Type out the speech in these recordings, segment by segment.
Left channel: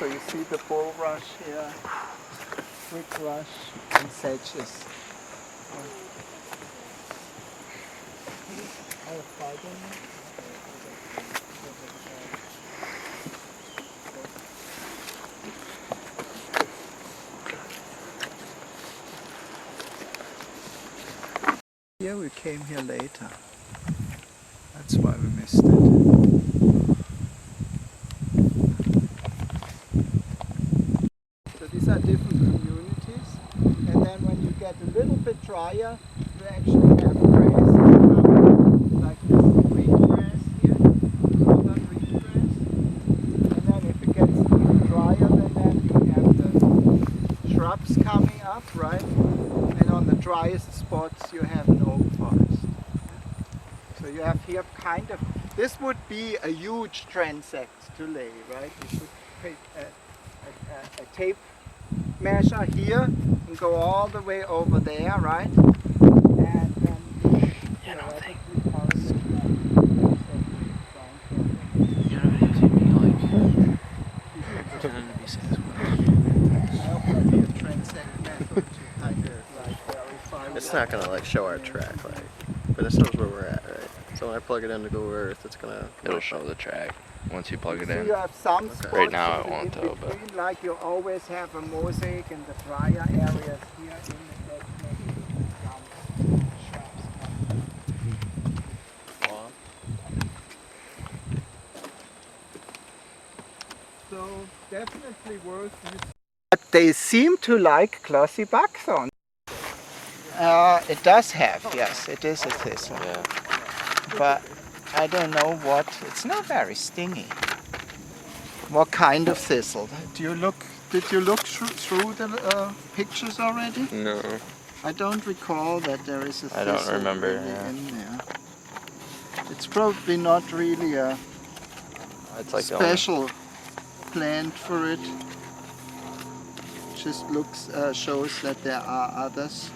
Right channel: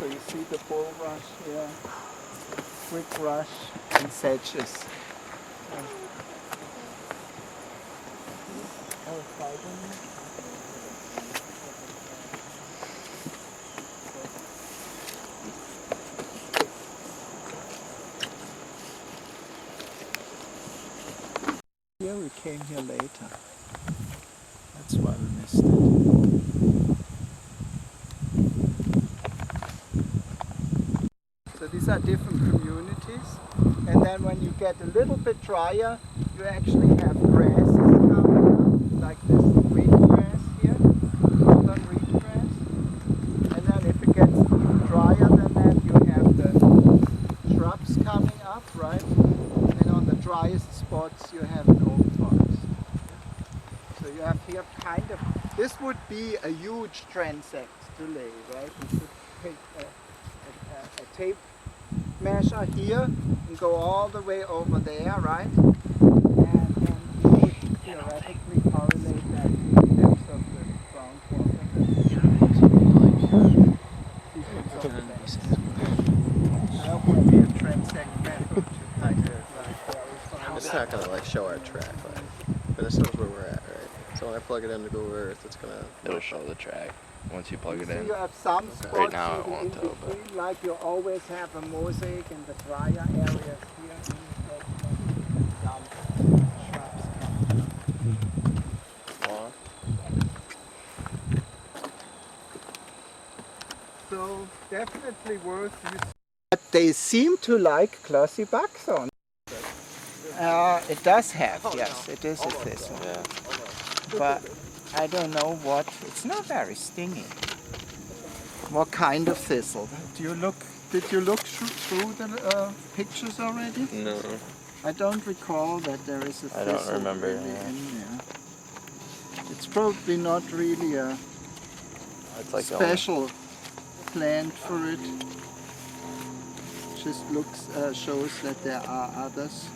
So you see the bulrush here, quick rush, and sedges. Here we came here later. That's why we missed it. So these are different communities, and then when you get a little bit drier, you actually have grass like this reed grass here, northern reed grass. And then if it gets even drier than that, you have the shrubs coming up, right? And on the driest spots, you have an oak forest. So you have here kind of, this would be a huge transect to lay, right? You should take a tape measure here and go all the way over there, right? And then you would theoretically correlate that to the depth of the groundwater. I hope it would be a transect method to kind of like verify. It's not going to like show our track, right? But it shows where we're at, right? So when I plug it in to Google Earth, it's going to... It'll show the track once you plug it in. You have some spots Right now it in won't between, but... like you always have a mosaic in the drier areas here in the section with the gum shrubs coming up. So definitely worth using. But they seem to like glossy buckthorn. It does have, yes, it is a thistle. Yeah. But I don't know what, it's not very stingy. What kind of thistle? Did you look through the pictures already? No. I don't recall that there is a thistle I don't remember, really yeah. in there. It's probably not really a It's like special plant for it. Just shows that there are others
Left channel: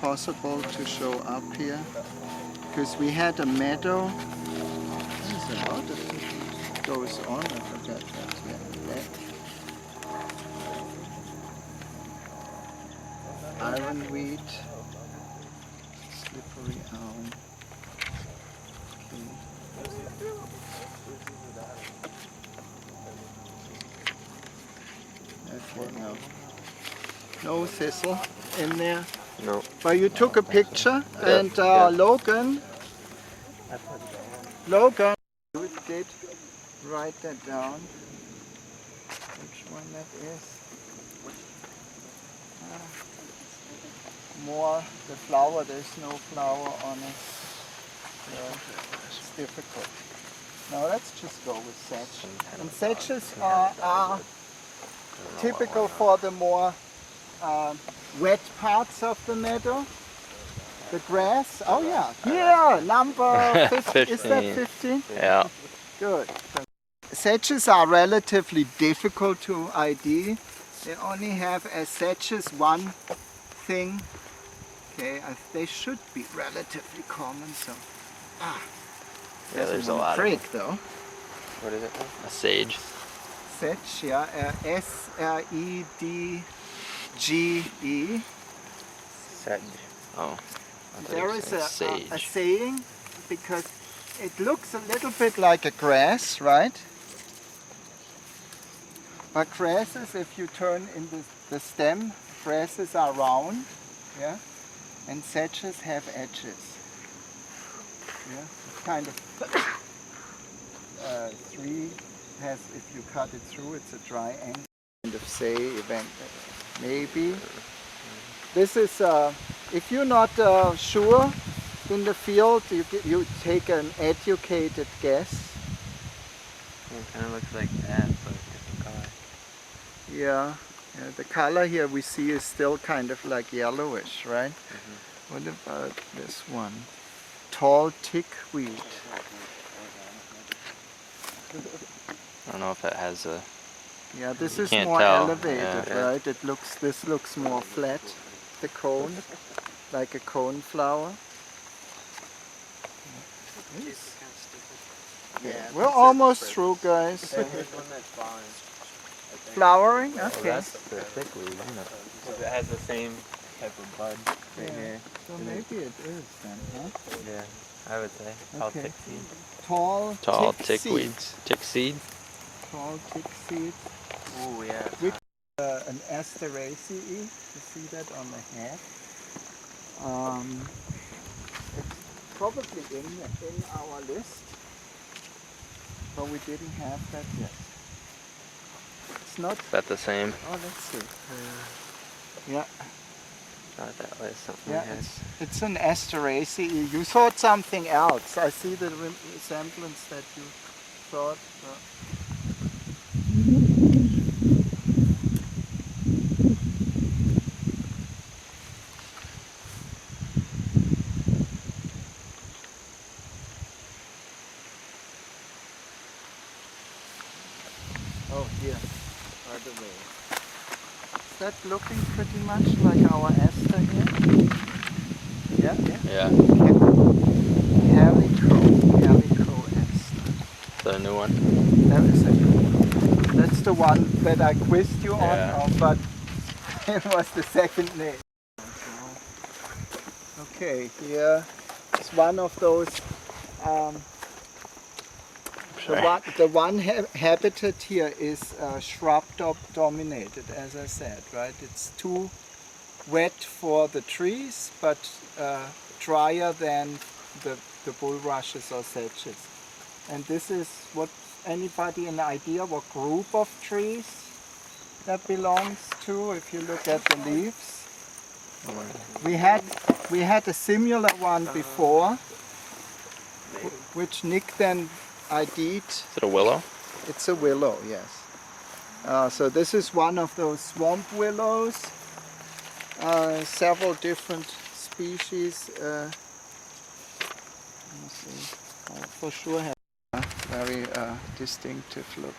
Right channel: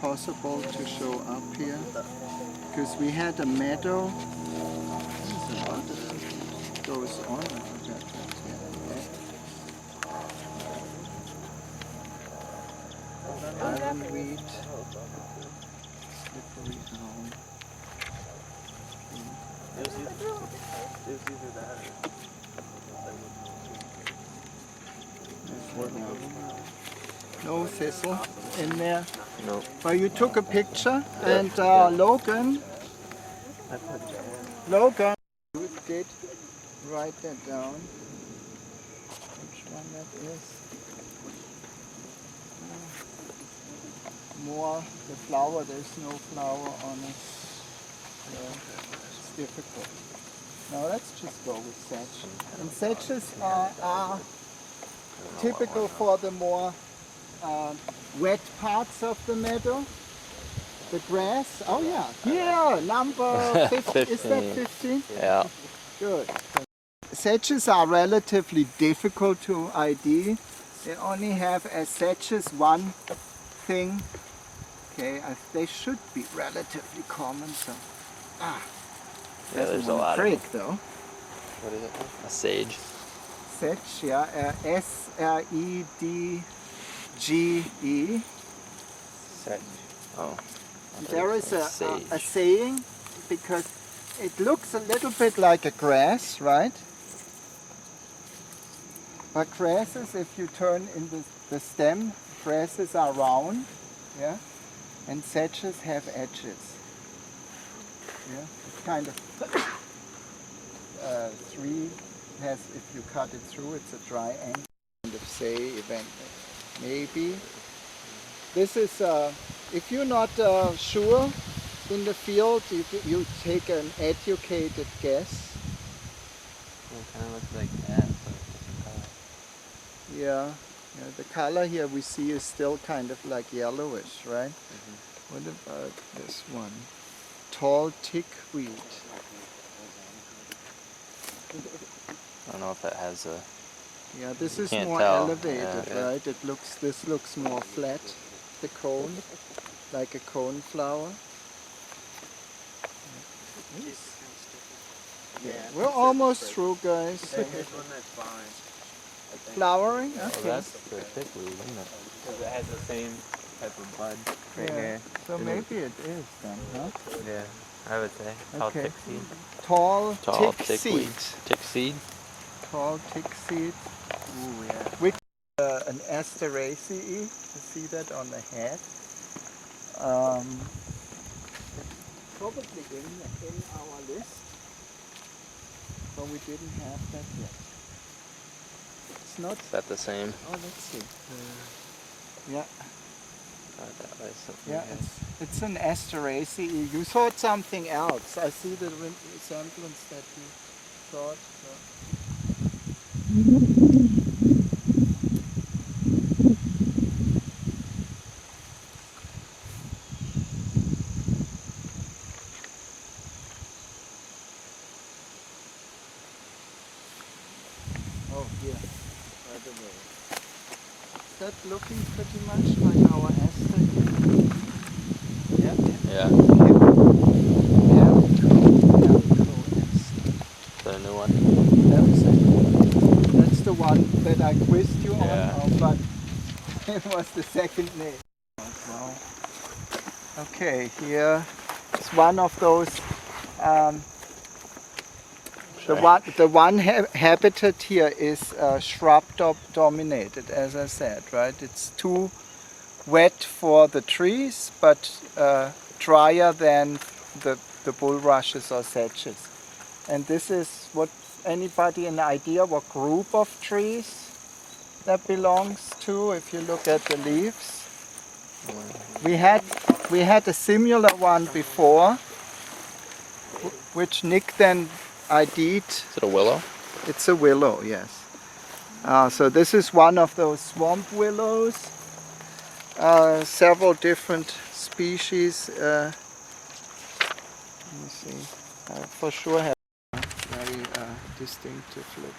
possible to show up here. Because we had a meadow. There's a lot of things goes on with that here and there. Ironweed, slippery elm. Okay, no thistle in there. No. Well, you took a picture, and Logan did write that down. Which one that is? More the flower. There's no flower on it. It's difficult. Now let's just go with sedge. And sedges are typical for the more wet parts of the meadow. The grass, oh yeah, here, number 15. Is that 15? Yeah. Good. Sedges are relatively difficult to ID. They only have as sedges one thing. Okay, they should be relatively common. So, There's a lot break of though. What is it? A sage. Sedge, yeah, S-R-E-D-G-E. Sedge. Oh. There is a saying, because it looks a little bit like a grass, right? But grasses, if you turn in the stem, grasses are round, yeah, and sedges have edges. Yeah, it's kind of three has, if you cut it through, it's a triangle. Kind of say event, maybe. This is. If you're not sure in the field, you take an educated guess. It kind of looks like that, but different color. Yeah, the color here we see is still kind of like yellowish, right? Mm-hmm. What about this one? Tall tickweed. I don't know if it has a... Yeah, this is can't more tell. elevated, Yeah. right? This looks more flat, the cone, like a cone flower. Okay. We're almost through, guys. Here's one that's flowering. I think. Flowering? Oh, Okay. that's the thickweed, isn't it? Because it has the same type of bud right Yeah. here. So maybe it is then, huh? Yeah, I would say. Tall Okay. tick seed. Tall tick tickweed. seeds. Tick seed. Tall tick seeds. Ooh, yeah. Which an Asteraceae. You see that on the head. It's probably in our list, but we didn't have that yet. It's not. Is that the same? Oh, let's see. Yeah, Not that way, something yeah. like It's an Asteraceae. You thought something else. I see the resemblance that you thought. Oh, here, by the way. Is that looking pretty much like our Aster here? Yeah, yeah. Yeah. Calico Aster. Is that a new one? That is it. That's the one that I quizzed you Yeah. on, but it was the second name. Okay, here is one of those. The one habitat here is shrub dominated, as I said, right? It's too wet for the trees, but drier than the bulrushes or sedges. And this is what, anybody an idea what group of trees that belongs to if you look at the leaves? We had a similar one before, which Nick then ID'd. Is it a willow? It's a willow, yes. So this is one of those swamp willows. Several different species. Let me see. For sure have a very distinctive look.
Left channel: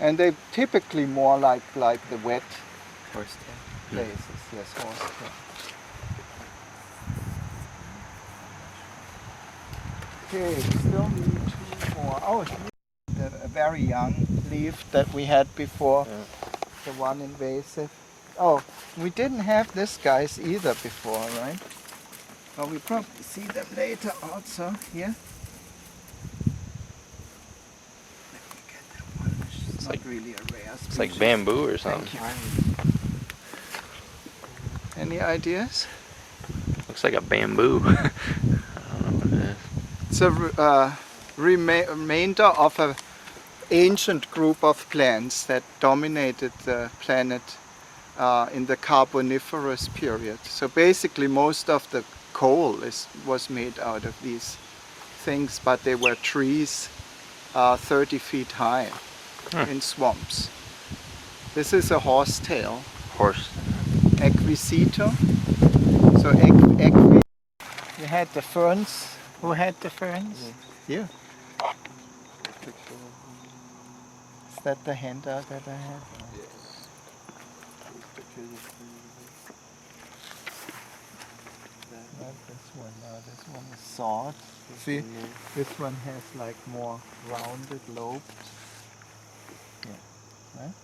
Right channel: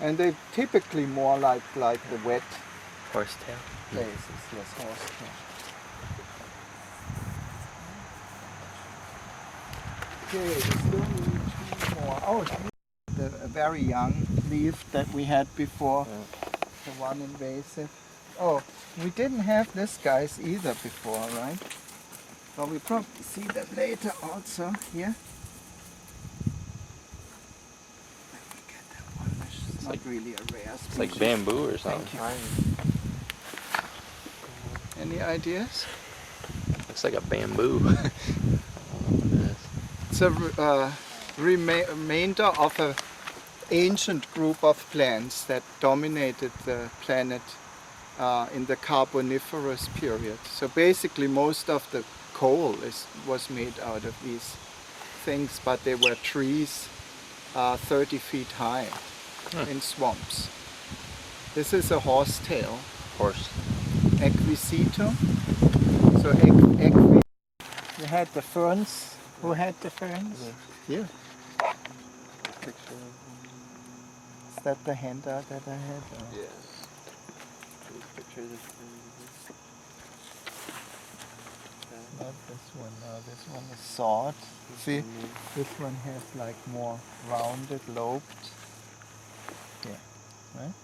And they typically more like the wet Horsetail. places. Yes, horsetail. Okay, we still need two more. Oh, here's the very young leaf that we had before, the one invasive. Oh, we didn't have this guys either before, right? But we probably see them later also here. Let me get that one. It's not like- really a rare species. It's like bamboo or something. Thank you. Any ideas? Looks like a bamboo. I don't know what it is. It's a remainder of an ancient group of plants that dominated the planet in the Carboniferous period. So basically most of the coal was made out of these things, but they were trees 30 feet high in swamps. This is a horsetail. Horse. Equisito. So equi, you had the ferns. Who had the ferns? You. Is that the handout that I had? Or? Yeah. These pictures Not this one. No, this one is sawed. See, this one has like more rounded, lobed. Yeah, right?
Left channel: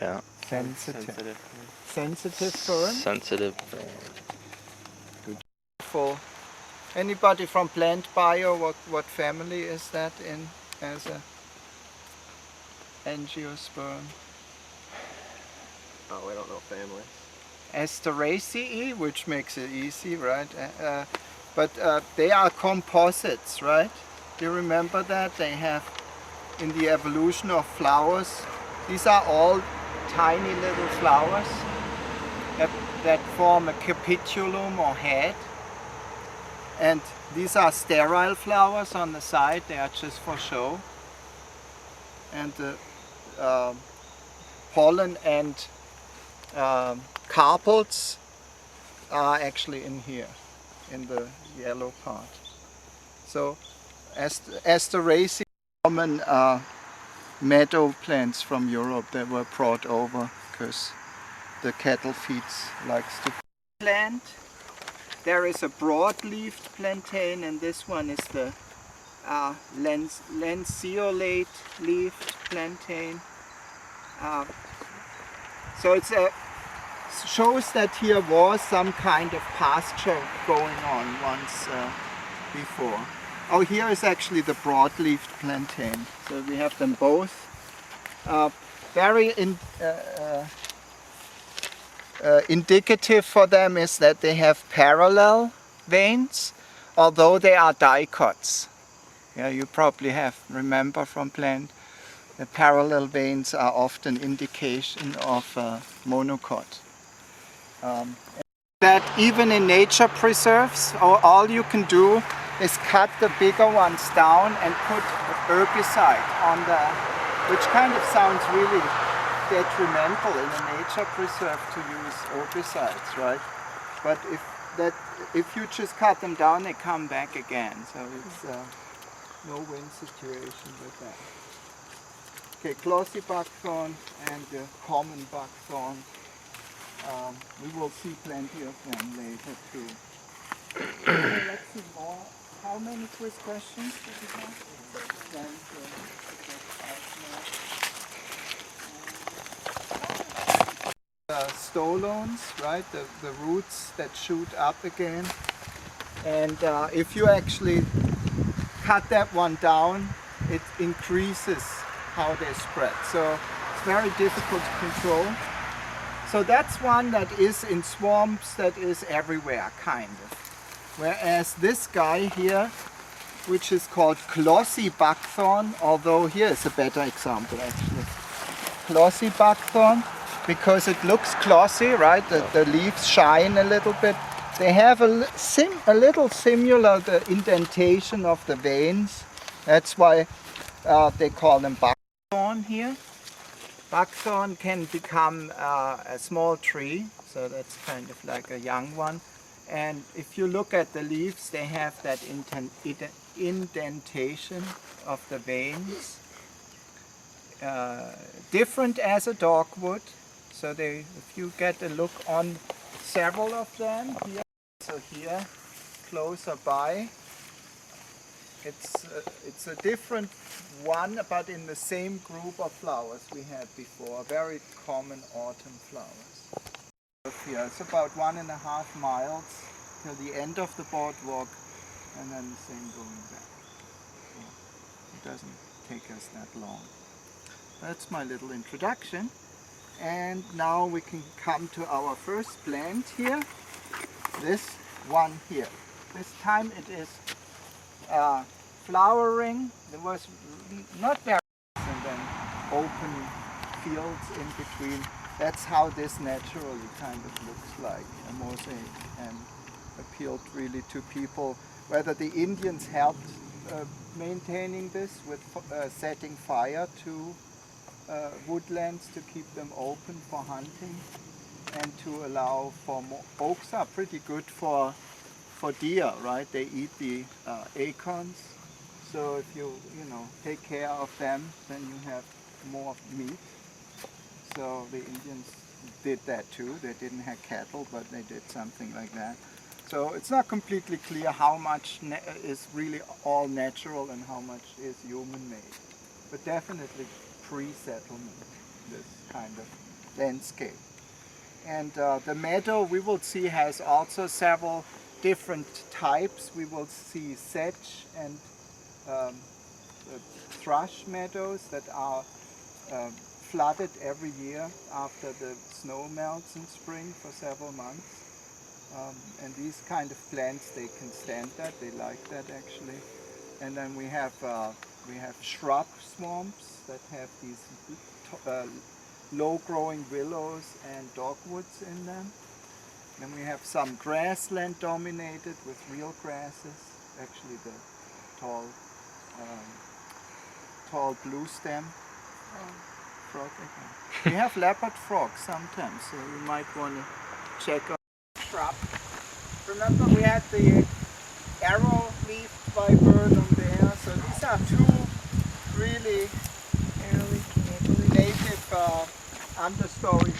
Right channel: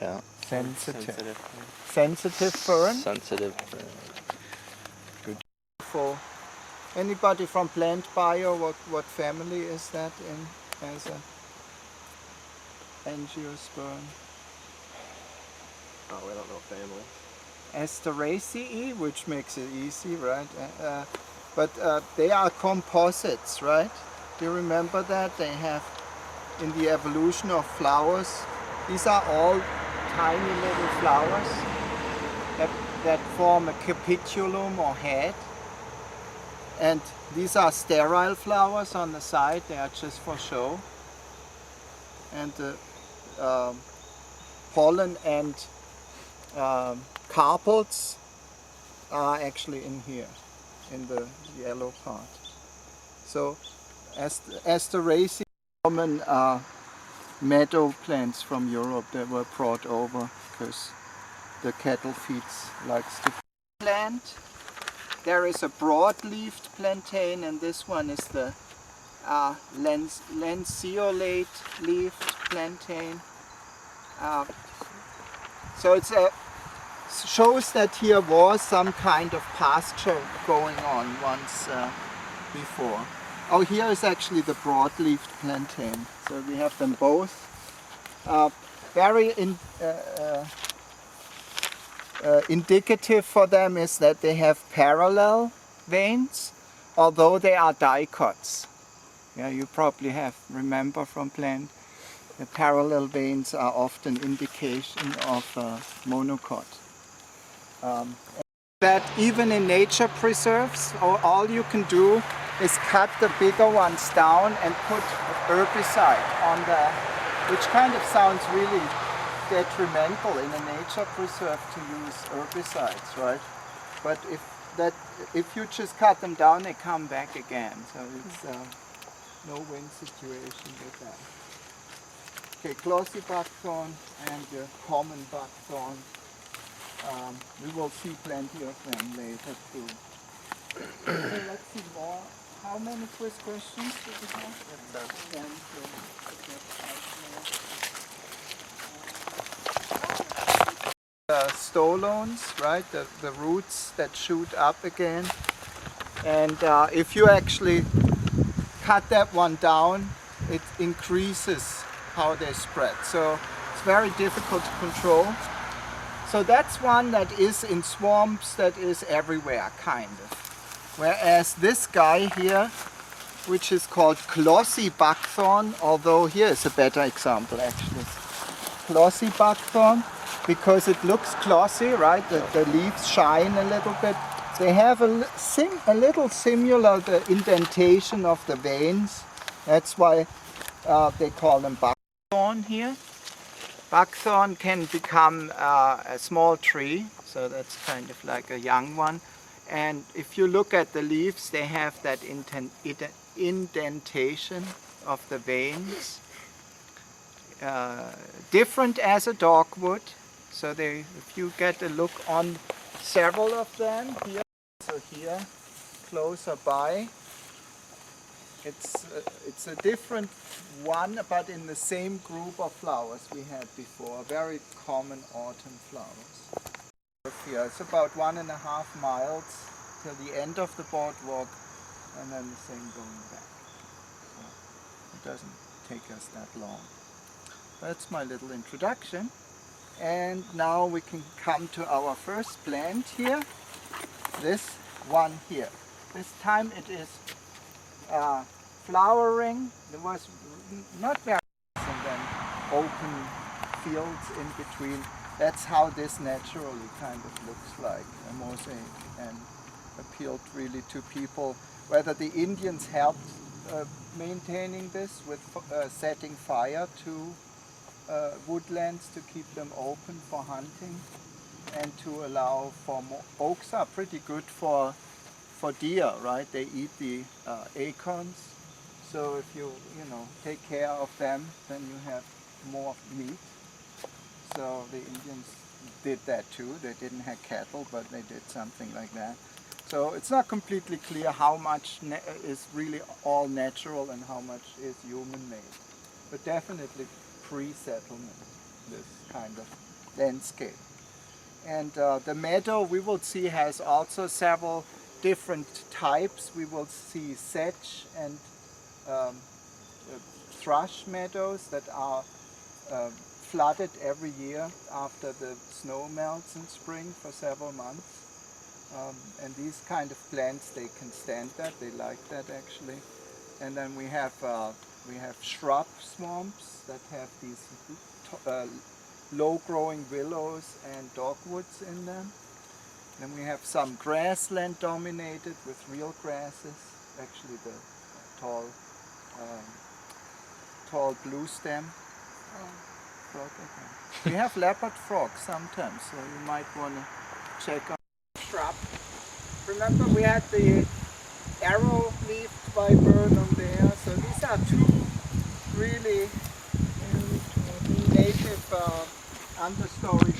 Yeah. Sensitive. Sensitive fern. Sensitive. For anybody from plant bio, what family is that in as a angiosperm? Oh, we don't know family. Asteraceae, which makes it easy, right? But they are composites, right? Do you remember that? They have, in the evolution of flowers, these are all tiny little flowers that form a capitulum or head. And these are sterile flowers on the side, they are just for show. And the pollen and carpels are actually in here, in the yellow part. So Asteraceae common meadow plants from Europe that were brought over because the cattle feeds likes to plant. There is a broad-leaved plantain, and this one is the lanceolate-leaved plantain. So it shows that here was some kind of pasture going on once before. Oh, here is actually the broad-leaved plantain. So we have them both. Very indicative for them is that they have parallel veins, although they are dicots. Yeah, you probably remember from plant, the parallel veins are often indication of monocot. That even in nature preserves, all you can do is cut the bigger ones down and put herbicide on which kind of sounds really detrimental in a nature preserve to use herbicides, right? But if you just cut them down, they come back again. So it's no-win situation with that. Okay, glossy buckthorn and the common buckthorn. We will see plenty of them later too. Okay, let's see more. How many quiz questions did you have? 10. Stolones, right? The roots that shoot up again. And if you actually cut that one down, it increases how they spread. So it's very difficult to control. So that's one that is in swamps, that is everywhere, kind of. Whereas this guy here, which is called glossy buckthorn, although here is a better example actually. Glossy buckthorn, because it looks glossy, right? The leaves shine a little bit. They have a little similar the indentation of the veins. That's why they call them buckthorn here. Buckthorn can become a small tree, so that's kind of like a young one. And if you look at the leaves, they have that indentation of the veins. Different as a dogwood. So if you get a look on several of them here, so here, closer by, it's a different one, but in the same group of flowers we had before, very common autumn flowers. Here, it's about 1.5 miles till the end of the boardwalk, and then the same going back. So it doesn't take us that long. That's my little introduction. And now we can come to our first plant here, this one here. This time it is flowering. There was not very and then open fields in between. That's how this naturally kind of looks like, a mosaic, and appealed really to people. Whether the Indians helped maintaining this with setting fire to woodlands to keep them open for hunting and to allow for more. Oaks are pretty good for deer, right? They eat the acorns. So if you take care of them, then you have more meat. So the Indians did that too. They didn't have cattle, but they did something like that. So it's not completely clear how much is really all natural and how much is human-made. But definitely pre-settlement, this kind of landscape. And the meadow we will see has also several different types. We will see sedge and thrush meadows that are flooded every year after the snow melts in spring for several months. And these kind of plants, they can stand that, they like that actually. And then we have shrub swamps that have these low-growing willows and dogwoods in them. Then we have some grassland dominated with real grasses, actually the tall blue stem frog again. We have leopard frogs sometimes, so you might want to check on shrub. Remember we had the arrow-leaved viburnum there, so these are two really native understory